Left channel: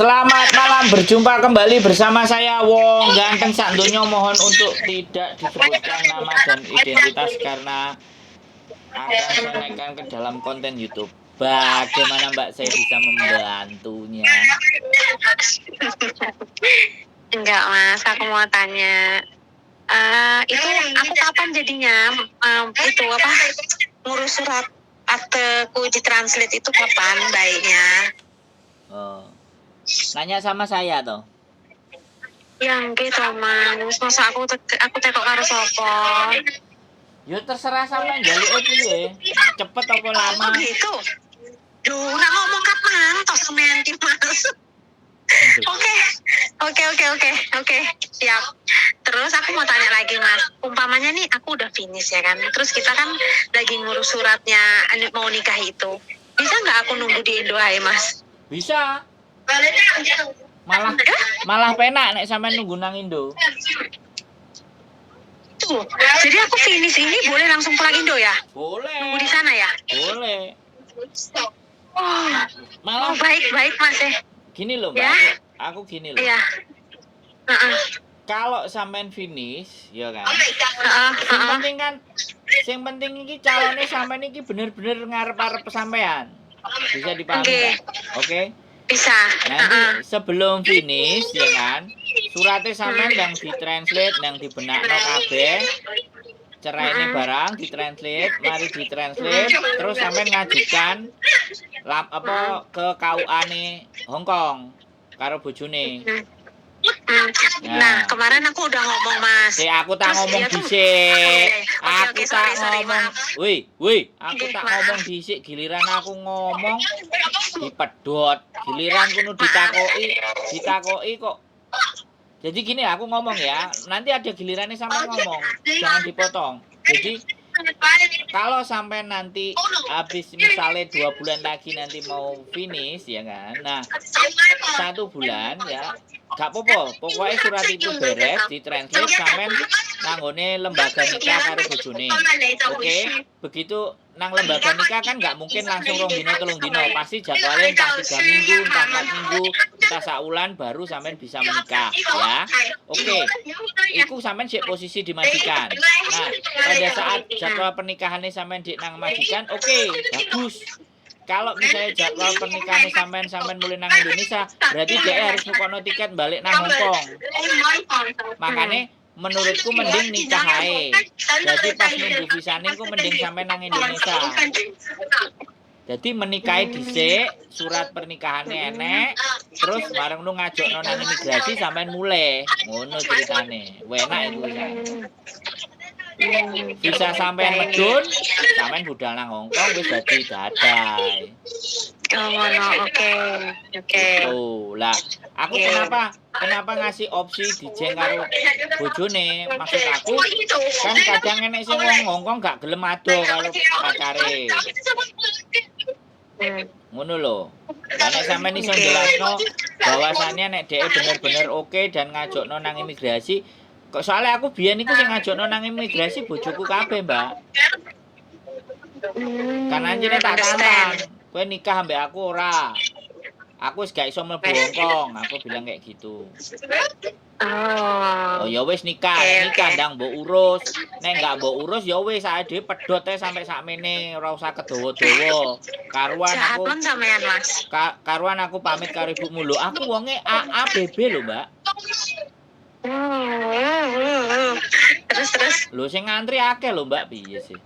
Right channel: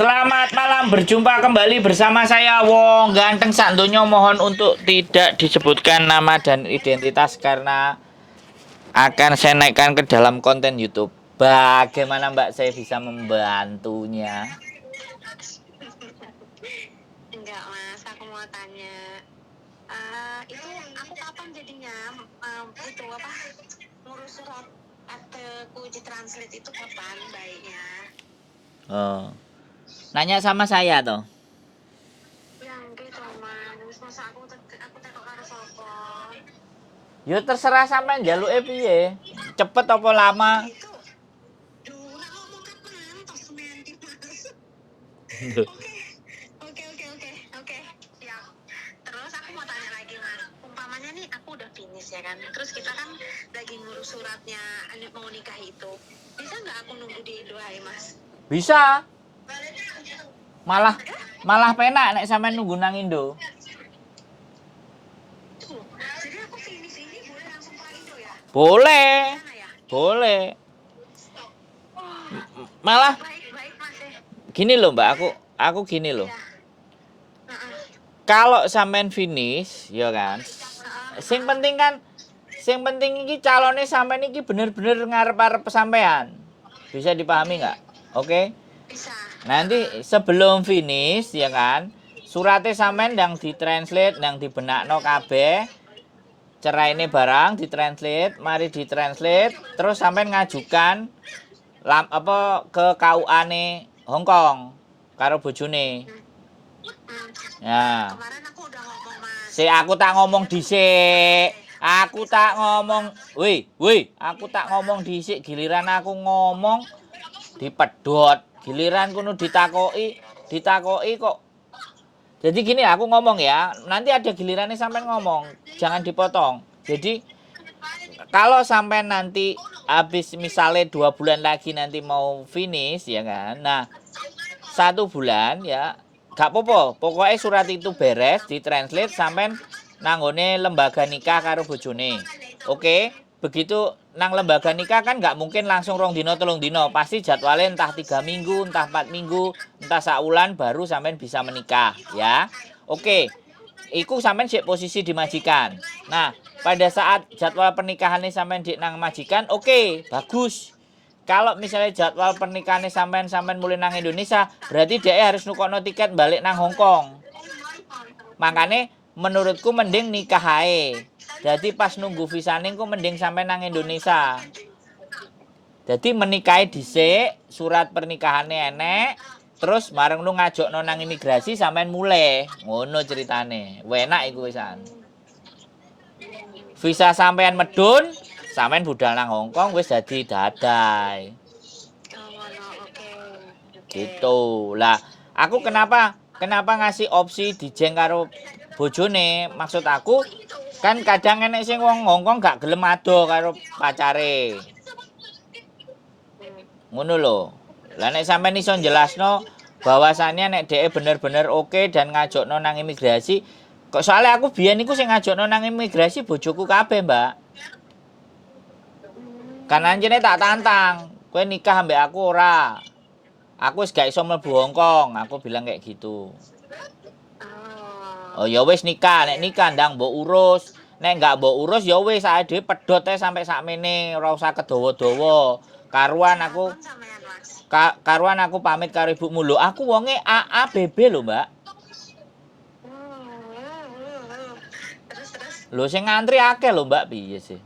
Selamat malam, berjumpa kembali bersama saya Wong Ganteng Sakdonya. Mohon untuk tidak disebutkan nama dan identitas karena akan saya naikkan ke dalam konten YouTube. Bagaimana Mbak saya bisa membantunya? Enggak mas, aku mau tanya itu aku kapan jadinya itu apa ngurus surat akteku di translate itu kapan baiknya? Oh, nanya sama saya toh. Yang gitu mas, masa aku tekok karo sopo? Ya terserah sampean njaluke piye. Cepet apa lama? Gitu. Duh, nak ngomong kapan tos semen mas. Oke, oke, siap. Terus aku mau tanya lagi mas, umpamanya nih aku udah finish ya kan, terus kita kan lagi ngurus suratnya mau nikah itu, bisa nggak aku nunggu di Indo aja mas? Bisa. Malah penak nek sampean nunggu nang Indo. Tuh, jadi aku finish ini boleh langsung pulang Indo ya? Boleh. Di sana ya? Boleh. Oh, Malah baik mas ya. Gini loh Mbak, Ya. aku gini loh. Iya. Kalau sampean finish, ya kan. Sing penting iki calone sampean iki bener-bener ngarep-arep sampean. Bisa dipahami nggak? Oke. Bisa. Nanti sebelum finish, ya kan. Suratnya sampean yang ditranslate, yang dibenakno kabeh. Cerai ini barang ditranslate, mari ditranslate, terus sampean ngajukan ke KUA-ne Hongkong karo bojone. Nah, kemarin aku udah ngomong mas. Aku tak ngomong dhisik. Aku tak ngomong. Aku tak ngomong dhisik, giliran aku ngomong dipedhot. Giliran kudu ditakoki kok. Jadi gini aku ngomong ya, nanti ada gilirannya sampai ngomong. Jangan dipotong. Jadi kalau sampai nanti habis misalnya 2 bulan lagi nanti mau finish ya kan. Nah, 1 bulan ya gak apa-apa, pokoknya surat itu beres, ditranslate sampean nanggone lembaga nikah karo bojone. Oke, begitu nang lembaga nikah kan gak mungkin langsung 2 dino 3 dino, pasti jadwalnya entah 3 minggu, entah 4 minggu, entah saulan baru sampean bisa menikah ya. Oke, iku sampean sik posisi di majikan. Nah, pada saat jadwal pernikahannya sampean di nang majikan, oke, bagus. Kalau misalnya jadwal pernikahannya sampean mulai nang Indonesia, berarti dia harus nukono tiket balik nang Hongkong. Makanya menurutku mending nikah ae. Jadi pas nunggu visane ku mending sampean nang Indonesia. Jadi menikahi dhisik, surat pernikahannya enek, terus bareng lu ngajokno nang imigrasi sampean mulai. Ngono ceritane. Enak iku wisan. Visa sampean medun, sampean budal nang Hongkong wis dadi dadai. Oke. Gitu. Lah, aku kenapa ngasih opsi dijeng karo bojone? Maksud aku kan kadang enek sing wong Hongkong gak gelem ado karo pacare. Ngono lho. Lah nek sampean iso jelasno bahwasannya nek dhek bener-bener oke dan ngajokno nang imigrasi, kok soalnya aku biyen iku sing ngajokno nang imigrasi bojoku kabeh, Mbak. Kan anjene tak tantang, kowe nikah ambek aku ora. Aku wis gak iso mlebu Hongkong, aku bilang kayak gitu. Oh ya wis nikah ndang mbok urus. Nek gak mbok urus ya wis ae dhewe pedhot ae sampe sakmene, ora usah kedawa-dawa. Karuan aku pamit karo ibumu lho. Aku wonge AABB lho, Mbak. Terus. Lho sing ngantri akeh lho, Mbak, piye sih?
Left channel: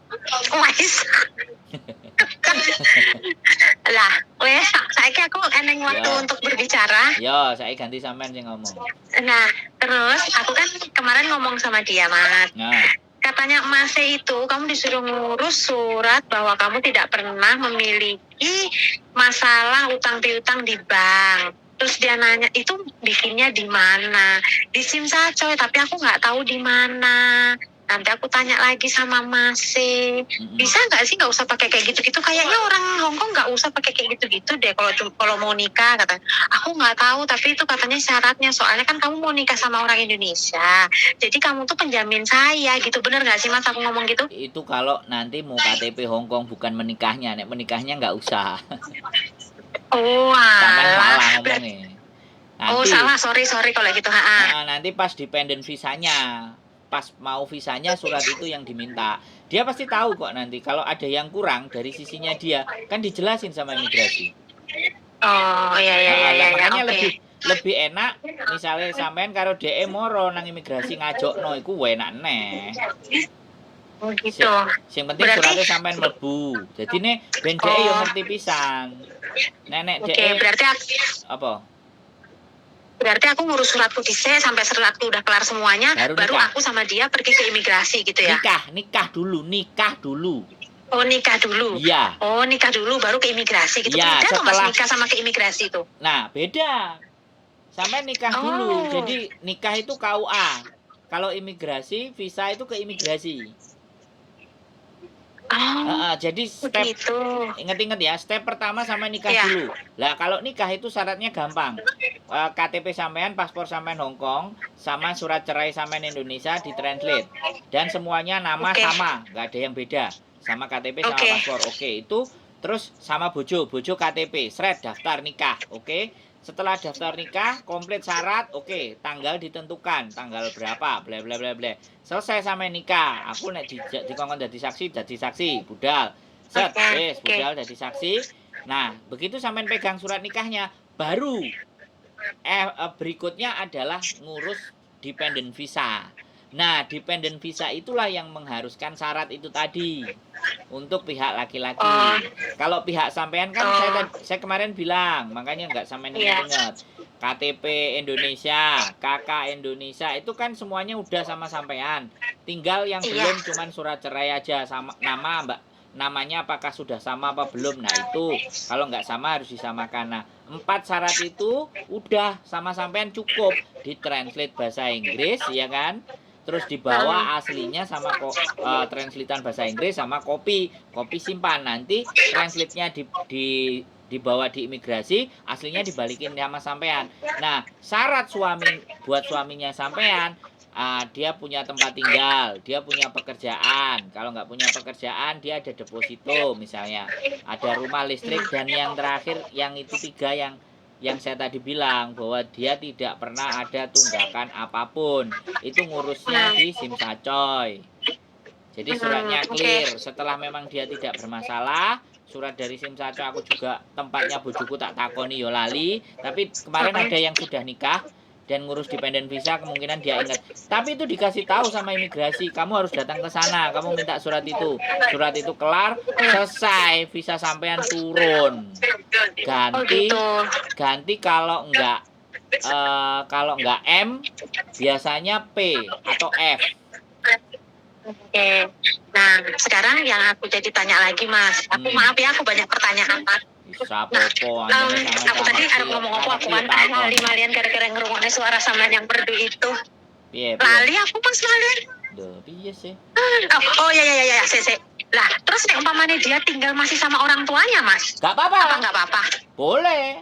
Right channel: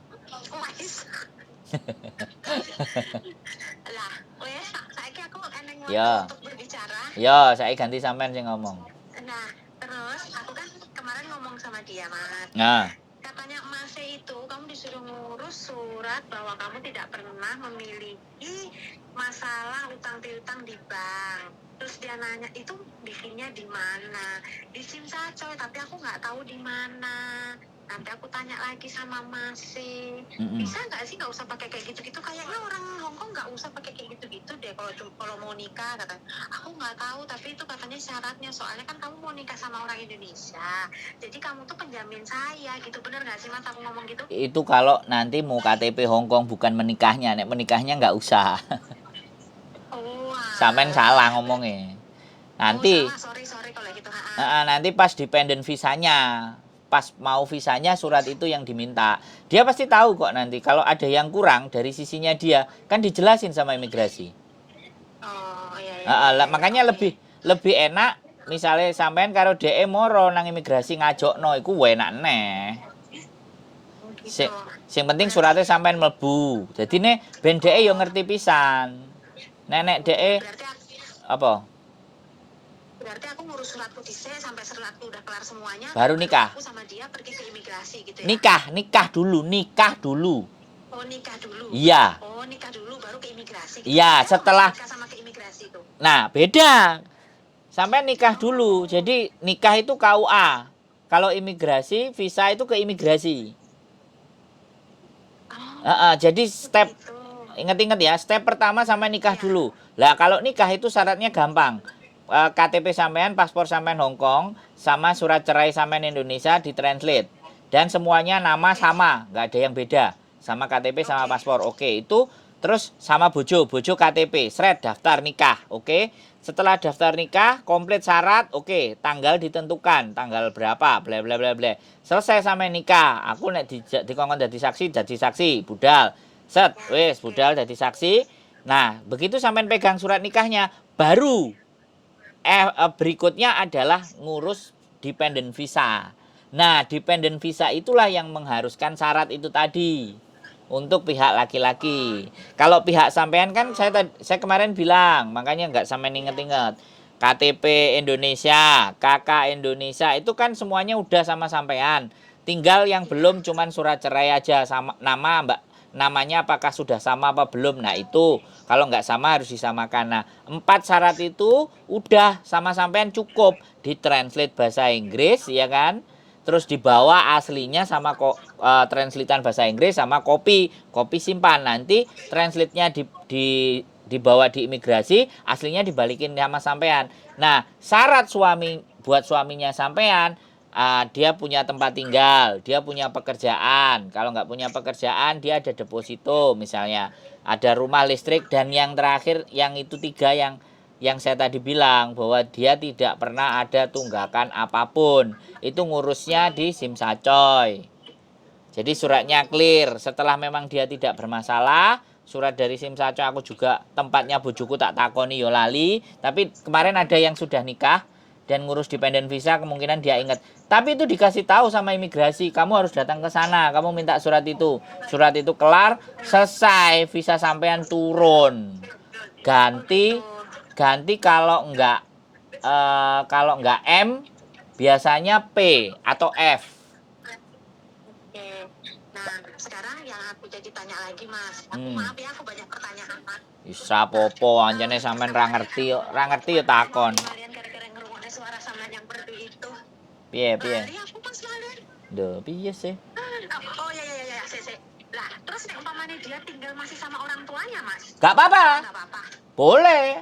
Lah, wes saiki aku eneng waktu untuk berbicara. Ya, saiki ganti sampean sing ngomong. Nah, terus aku kan kemarin ngomong sama dia, Mas. Nah, katanya Mas itu kamu disuruh ngurus surat bahwa kamu tidak pernah memiliki masalah utang piutang di bank. Terus dia nanya itu bikinnya di mana? Di Simsacoy, tapi aku nggak tahu di mana. Nanti aku tanya lagi sama Mas. Bisa nggak sih nggak usah pakai kayak gitu-gitu? Kayaknya orang Hongkong nggak usah pakai kayak gitu-gitu deh kalau mau nikah kata. Aku nggak tahu, tapi itu katanya syaratnya. Soalnya kan kamu mau nikah sama orang Indonesia. Jadi kamu tuh penjamin saya gitu. Bener nggak sih Mas aku ngomong gitu? Itu kalau nanti mau KTP Hongkong bukan menikahnya. Nek menikahnya nggak usah. Oh, Sampean salah ngomongnya. Oh, Nanti salah, sorry kalau gitu. nanti pas dependent visanya, pas mau visanya surat itu yang diminta. Dia pasti tahu kok nanti kalau ada yang kurang dari sisinya dia, kan dijelasin sama imigrasi. Oh, iya, Makanya oke. lebih lebih enak misalnya sampean karo DE moro nang imigrasi ngajokno iku enak neh. Oh, gitu. Sing penting Berarti, suratnya sampean mlebu. Jadi nih ben DE yo oh, ngerti pisan. Nenek oke. DE Berarti apa? berarti aku ngurus suratku dhisik sampai suratku udah kelar semuanya, Baru baru nikah. aku sama dia pergi ke imigrasi gitu ya. Nikah dulu. Oh, nikah dulu. Iya. Oh, nikah dulu baru ke imigrasi gitu. Iya, Beda dong, Mas, setelah nikah sama ke imigrasi itu. Nah, beda. Sampai nikah dulu. Oh. Jadi nikah itu KUA. Kalau imigrasi, visa itu ke imigrasi. Jadi step Begitu. ingat-ingat ya, step pertama sampai nikah Iya. dulu. Lah kalau nikah itu syaratnya gampang. KTP sampean, paspor sampean Hong Kong, sama surat cerai sampean Indonesia ditranslate. Dan semuanya nama Oke. sama, nggak ada yang beda. Sama KTP sama Oke. paspor. Oke, itu terus sama bojo KTP, seret daftar nikah. Oke. Setelah daftar nikah, komplit syarat, oke, tanggal ditentukan, tanggal berapa, bla bla bla bla. Selesai sampai nikah, aku nek dikongkon jadi saksi, budal. Set, wes, budal jadi saksi. Nah, begitu sampai pegang surat nikahnya, baru berikutnya adalah ngurus dependent visa. Nah, dependent visa itulah yang mengharuskan syarat itu tadi untuk pihak laki-laki. Kalau pihak sampean kan saya kemarin bilang, makanya nggak sampean ingat-ingat. KTP Indonesia, KK Indonesia itu kan semuanya udah sama sampean. Tinggal yang belum cuman surat cerai aja sama nama namanya apakah sudah sama apa belum. Nah itu kalau nggak sama harus disamakan. Nah 4 syarat itu udah sama sampean cukup ditranslate bahasa Inggris ya kan. Terus dibawa aslinya sama translatean bahasa Inggris sama kopi simpan. Nanti translate-nya dibawa di imigrasi, aslinya dibalikin sama sampean. Nah, syarat buat suaminya sampean, dia punya tempat tinggal, dia punya pekerjaan. Kalau nggak punya pekerjaan, dia ada deposito misalnya, ada rumah listrik, dan yang terakhir yang itu 3 yang saya tadi bilang bahwa dia tidak pernah ada tunggakan apapun. Itu ngurusnya di Simsacoy. Jadi suratnya clear. Setelah memang dia tidak bermasalah, surat dari Simsacoy aku juga tempatnya bojoku tak takoni yo lali, tapi kemarin ada yang sudah nikah dan ngurus dependent visa, kemungkinan dia ingat. Tapi itu dikasih tahu sama imigrasi, kamu harus datang ke sana, kamu minta surat itu. Surat itu kelar, selesai, visa sampean turun. Ganti kalau enggak M, biasanya P atau F. Oke. Nah, sekarang yang aku jadi tanya lagi, Mas. Maaf ya, aku banyak pertanyaan, Mas. Bisa popo anjane sampean ra ngerti takon. Malian gara-gara ngrungokne suara sampean yang merdu itu. Piye? Lali aku Mas Malian. Duh, piye sih? Oh ya, sih. Lah, terus nek umpamane dia tinggal masih sama orang tuanya, Mas? Gak apa-apa. Enggak apa-apa. Boleh.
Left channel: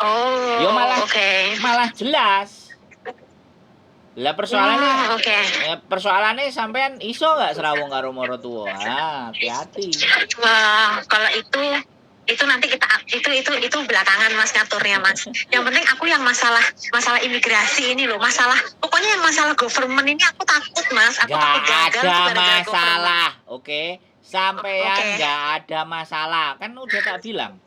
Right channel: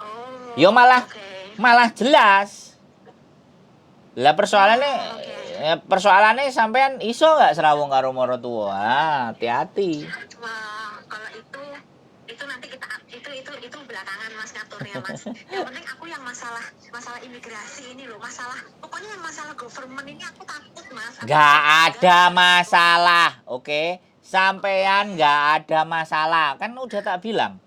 Oh. Yo malah jelas. Lah persoalannya sampean iso nggak serawung karo moro tua? Hati-hati. Wah, kalau itu nanti kita itu belakangan Mas ngaturnya, Mas. Yang penting aku yang masalah imigrasi ini loh, pokoknya yang masalah government ini aku takut, Mas. Gak ada masalah, oke? Sampean nggak ada masalah, kan udah tak bilang.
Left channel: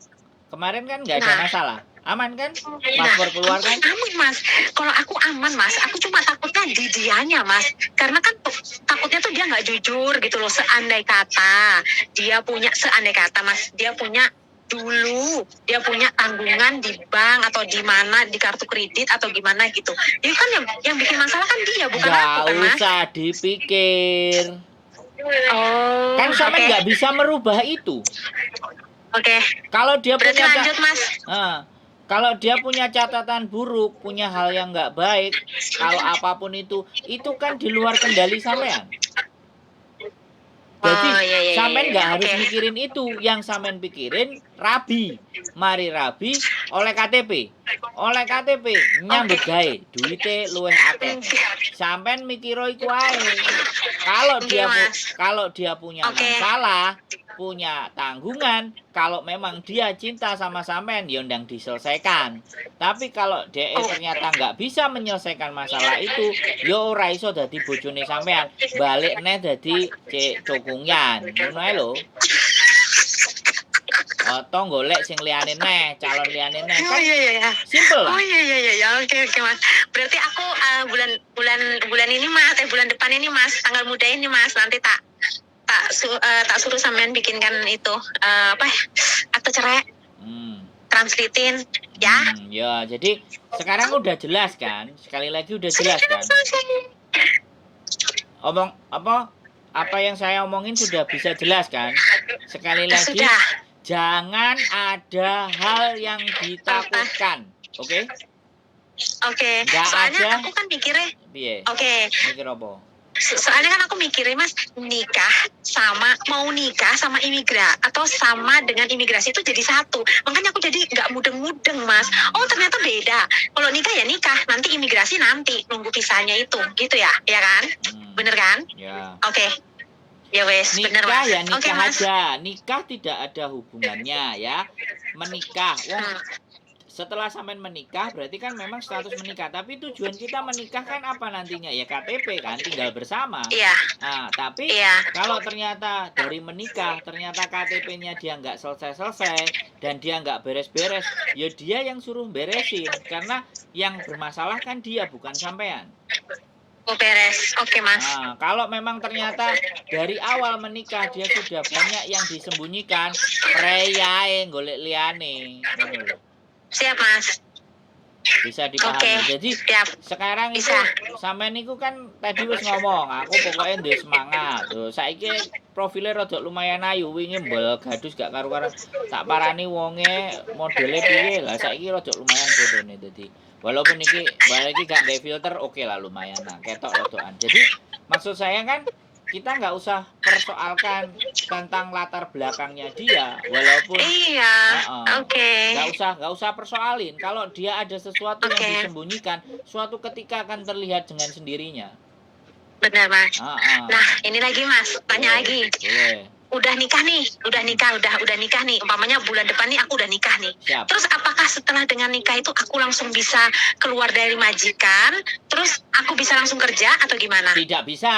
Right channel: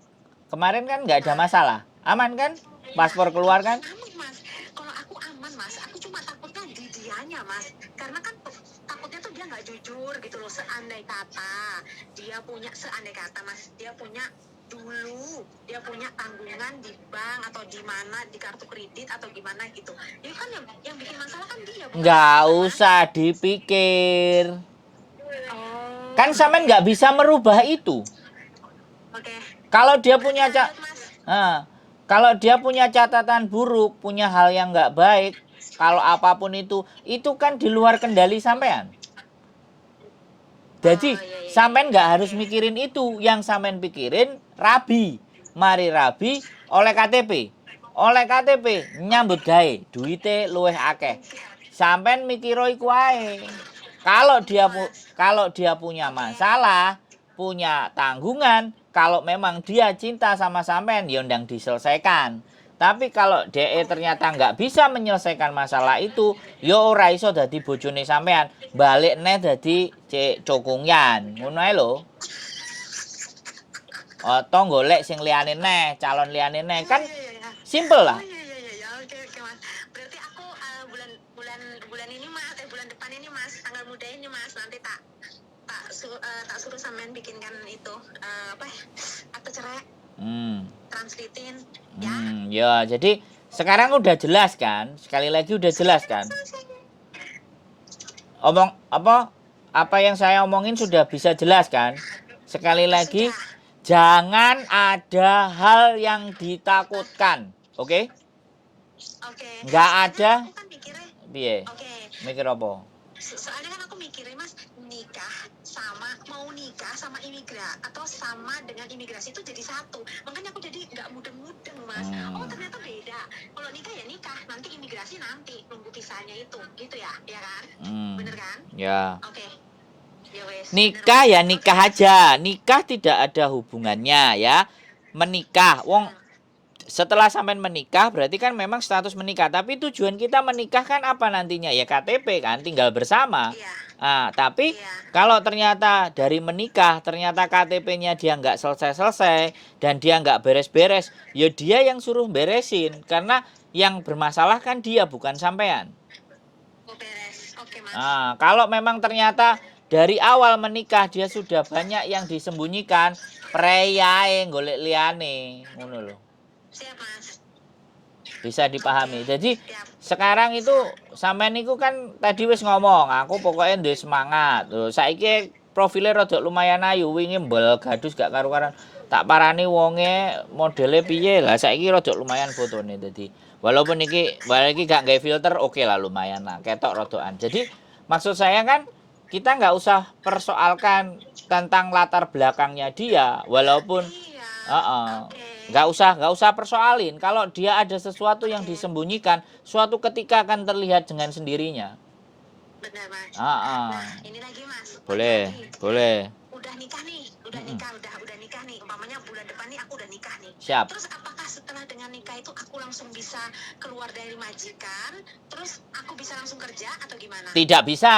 Kemarin kan nggak ada masalah. Aman kan? Paspor keluar kan? Aman, Mas. Kalau aku aman, Mas. Aku cuma takutnya di dianya, Mas. Karena kan takutnya tuh dia nggak jujur gitu loh. Seandai kata, Mas, dia punya tanggungan di bank atau di mana, di kartu kredit atau gimana gitu. Itu kan yang bikin masalah kan dia, bukan nggak aku, kan, usah Mas? Dipikir. Oh. Kan sampean nggak bisa merubah itu. Oke. Kalau dia berarti punya lanjut, Mas. Kalau dia punya catatan buruk, punya hal yang nggak baik, kalau apapun itu kan di luar kendali sampean. Jadi sampean nggak harus mikirin itu, yang sampean pikirin mari rabi oleh KTP nyambut gawe, duite luwih akeh. Sampean mikiro iku ae. Kalau dia punya masalah, punya tanggungan, kalau memang dia cinta sama sampean, ya ndang diselesaikan. Tapi kalau DE ternyata nggak bisa menyelesaikan masalah itu, ya ora iso dadi bojone sampean. Balik neh dadi Cek Cokungyan. Ngono ae lho. Atau golek sing liyane neh, calon liyane neh Oh kan iya iya iya. simple lah. Oh iya iya iya. Oke oke Mas. Berarti aku bulan bulan bulan ini Mas, bulan depan ini Mas, tanggal muda ini Mas, nanti tak suruh sampean bikinkan itu apa ya? Akte cerai, Hmm. translitin ya. Ya, jadi sekarang udah jelas kan? Sekali lagi udah jelas kan? Apa yang saya omongin sudah bisa jelas kan? Sekali lagi, Sudah. jangan ada hal yang ditakutkan, oke? Oke. Nggak Soalnya ada. aku kan mikirnya, Piye? oke. Mikir apa? Soalnya kan aku mikirnya Mas, mau nikah sama atau sama dengan imigrasi itu jadi satu. Makanya aku jadi nggak mudeng-mudeng Mas. Oh ternyata beda. Kalau nikah ya nikah, nanti imigrasi nanti nunggu visanya itu, gitu ya, ya kan? Bener kan? Ya. Oke. Ya wes. Nikah bener, ya Mas. nikah Oke, Mas. aja. Nikah tidak ada hubungannya ya. Menikah, wong setelah sampean menikah berarti kan memang status menikah. Tapi tujuan kita menikah kan apa nantinya? Ya KTP kan, tinggal bersama. Iya. Nah, tapi Iya. kalau ternyata dari menikah, ternyata KTP-nya dia nggak selesai-selesai dan dia nggak beres-beres, ya dia yang suruh beresin. Karena yang bermasalah kan dia, bukan sampean. Oh beres. Oke Mas. Nah, kalau memang ternyata dari awal menikah dia sudah banyak yang disembunyikan, preyae golek liyane, ngono lho. Siap Mas. Bisa dipahami. Oke, Jadi siap. sekarang itu Bisa. sampean niku kan tadi wis ngomong, aku pokoknya duwe semangat. Lho, saiki profile rada lumayan ayu, wingi mbel gadus gak karu-karuan. Tak parani wonge modele piye lah, saiki rada lumayan fotone dadi. Walaupun iki gak gawe filter, oke lah lumayan lah, ketok rodokan. Jadi maksud saya kan kita nggak usah persoalkan tentang latar belakangnya dia, walaupun Iya. Oke. nggak usah persoalin. Kalau dia ada sesuatu yang Oke. disembunyikan, suatu ketika akan terlihat dengan sendirinya. Benar Mas. Nah ini lagi Mas, tanya lagi. Boleh. Udah nikah nih, udah nikah nih. Umpamanya bulan depan nih aku udah nikah nih. Siap. Terus apakah setelah dengan nikah itu aku langsung bisa keluar dari majikan, terus aku bisa langsung kerja atau gimana? Tidak bisa.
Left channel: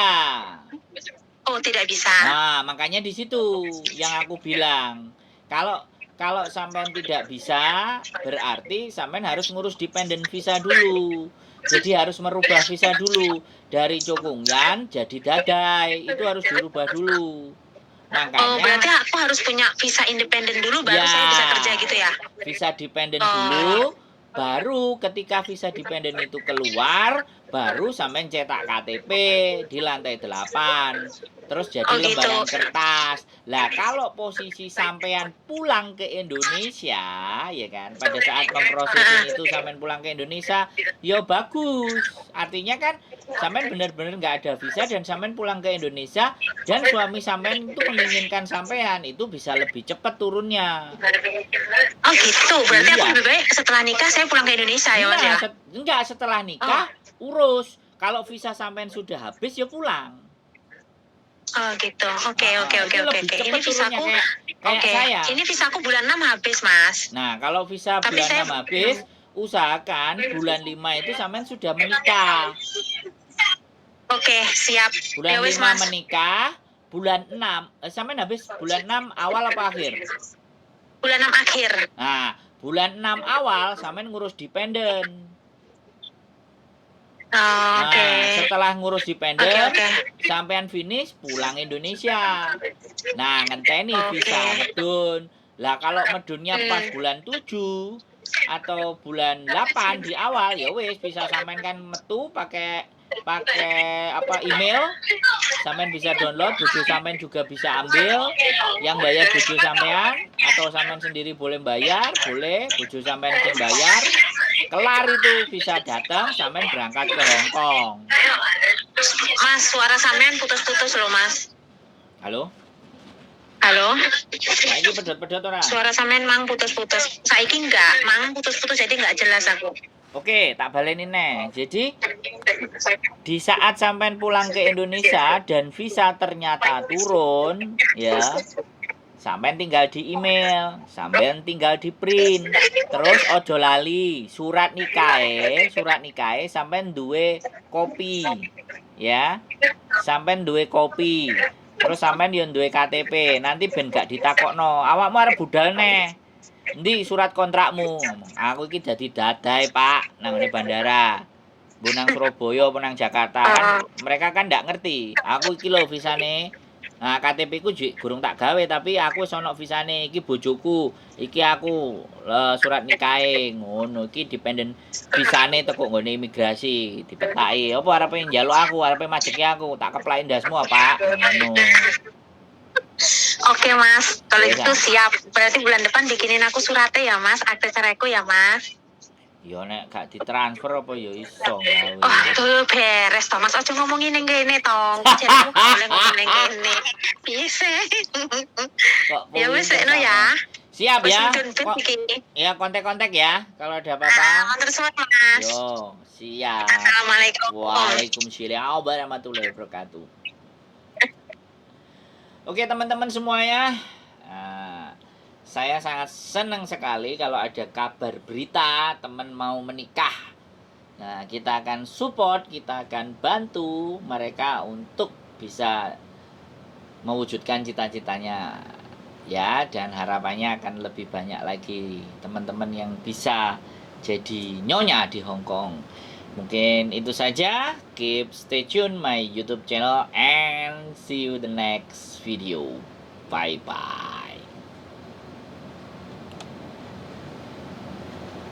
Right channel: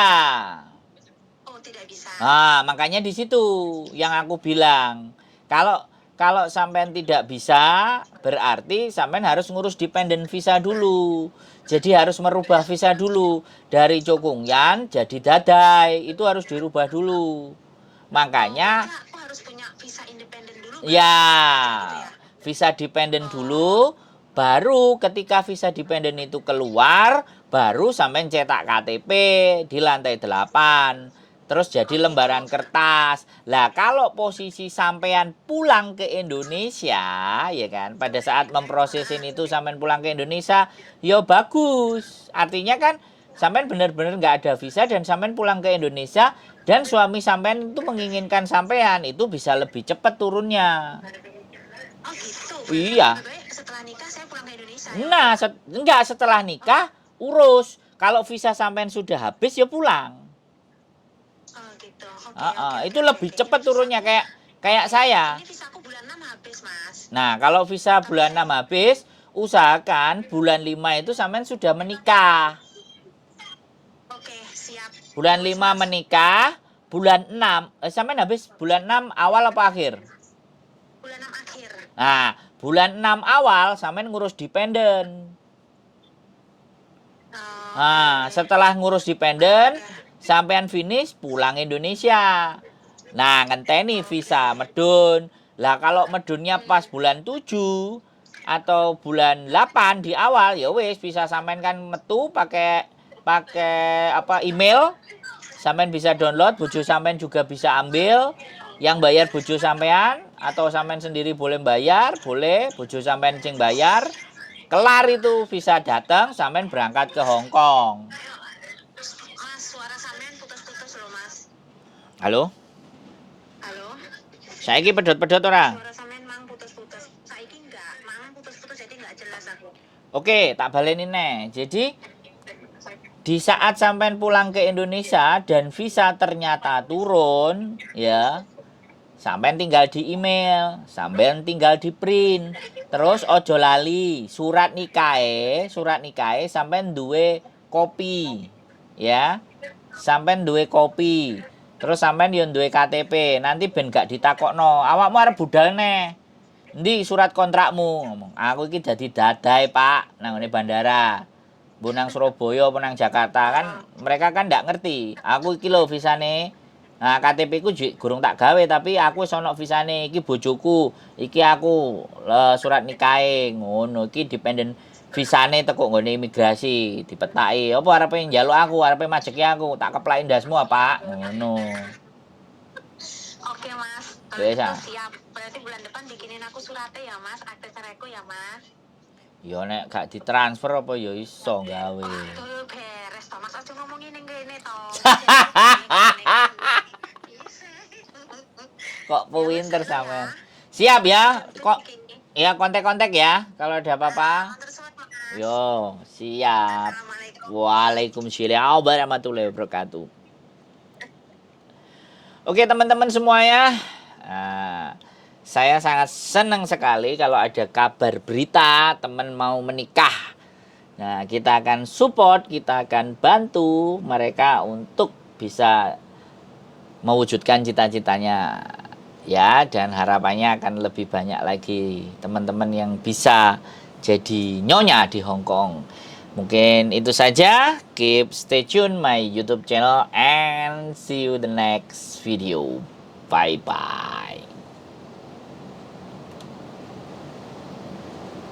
Oh tidak bisa. Nah, makanya di situ yang aku bilang. Kalau sampean tidak bisa, berarti sampean harus ngurus dependent visa dulu. Jadi harus merubah visa dulu. Dari Cokungyan jadi Dadai. Itu harus dirubah dulu. Makanya berarti aku harus punya visa independen dulu baru saya bisa kerja gitu ya? Visa dependent dulu, baru ketika visa dependent itu keluar, baru sampean cetak KTP di lantai 8. Terus jadi lembaran kertas. Lah kalau posisi sampean pulang ke Indonesia, ya kan, pada saat memprosesin itu sampean pulang ke Indonesia, ya bagus. Artinya kan sampean benar-benar nggak ada visa dan sampean pulang ke Indonesia dan suami sampean itu menginginkan sampean, itu bisa lebih cepat turunnya. Oh gitu, berarti Iya. aku lebih baik setelah nikah saya pulang ke Indonesia ya Mas Nah, ya? enggak, setelah nikah urus. Kalau visa sampean sudah habis ya pulang. Oh gitu, oke. Itu lebih cepat turunnya kayak Oke, saya. ini visaku bulan 6 habis Mas. Nah, kalau visa Tapi bulan saya- 6 habis, usahakan bulan 5 itu sampean sudah menikah. Oke, siap. Bulan Ya wis, 5 Mas. menikah, bulan 6 sampean habis bulan 6 awal apa akhir? Bulan 6 akhir. Nah, bulan 6 awal sampean ngurus dependent. Oh, Nah, setelah ngurus dependent, Oke. sampean finish pulang Indonesia. Nah, ngenteni visa medun. Lah kalau medunnya pas bulan 7 atau bulan 8 di awal, ya wis bisa sampean kan metu pakai apa email. Sampean bisa download, bojo sampean juga bisa ambil. Yang bayar bojo sampean atau sampean sendiri boleh bayar, boleh bojo sampean sing bayar. Kelar itu visa datang, sampean berangkat ke Hong Kong. Mas, suara sampean putus-putus loh, Mas. Halo? Halo? Saiki pedot-pedot ora? Suara sampean mang putus-putus. Saiki enggak, mang putus-putus jadi enggak jelas aku. Oke, tak baleni nih. Jadi di saat sampean pulang ke Indonesia dan visa ternyata turun, ya. sampean tinggal di email, sampean tinggal di print. Terus ojo lali, surat nikahe sampean duwe kopi. Ya. Sampean duwe kopi. Terus sampean yo duwe KTP. Nanti ben gak ditakokno, awakmu arep budal neh. Endi surat kontrakmu? Ngomong, aku iki dadi dadai, Pak, nang ngene bandara. Bu nang Surabaya apa nang Jakarta kan mereka kan ndak ngerti. Aku iki lho visane. Nah, KTP ku gurung tak gawe tapi aku wis ana visane. Iki bojoku, iki aku surat nikahe ngono. Iki dependen visane teko nggone imigrasi, dipetaki. Apa arepe njaluk aku, arepe majeki aku, tak keplaki ndasmu apa? Ngono. Oke Mas, kalau Wes, itu siap. Berarti bulan depan bikinin aku suratnya ya Mas, akte ceraiku ya Mas. yo nek gak ditransfer apa yo iso gawe. Oh, tuh beres toh Mas, aja ngomongin yang gini tong. Jadi aku boleh ngomongin yang gini. Bisa. Kok Ya wes pinter no ya. sama. Siap ya. Kok Ya kontak-kontak ya kalau ada apa-apa. Matur suwun Mas. Yo, siap. Assalamualaikum. Waalaikumsalam warahmatullahi wabarakatuh. Oke teman-teman semuanya, saya sangat senang sekali kalau ada kabar berita teman mau menikah. Nah, kita akan support, kita akan bantu mereka untuk bisa mewujudkan cita-citanya. Ya, dan harapannya akan lebih banyak lagi teman-teman yang bisa jadi nyonya di Hong Kong. Mungkin itu saja. Keep stay tune my YouTube channel and see you the next video. Bye bye.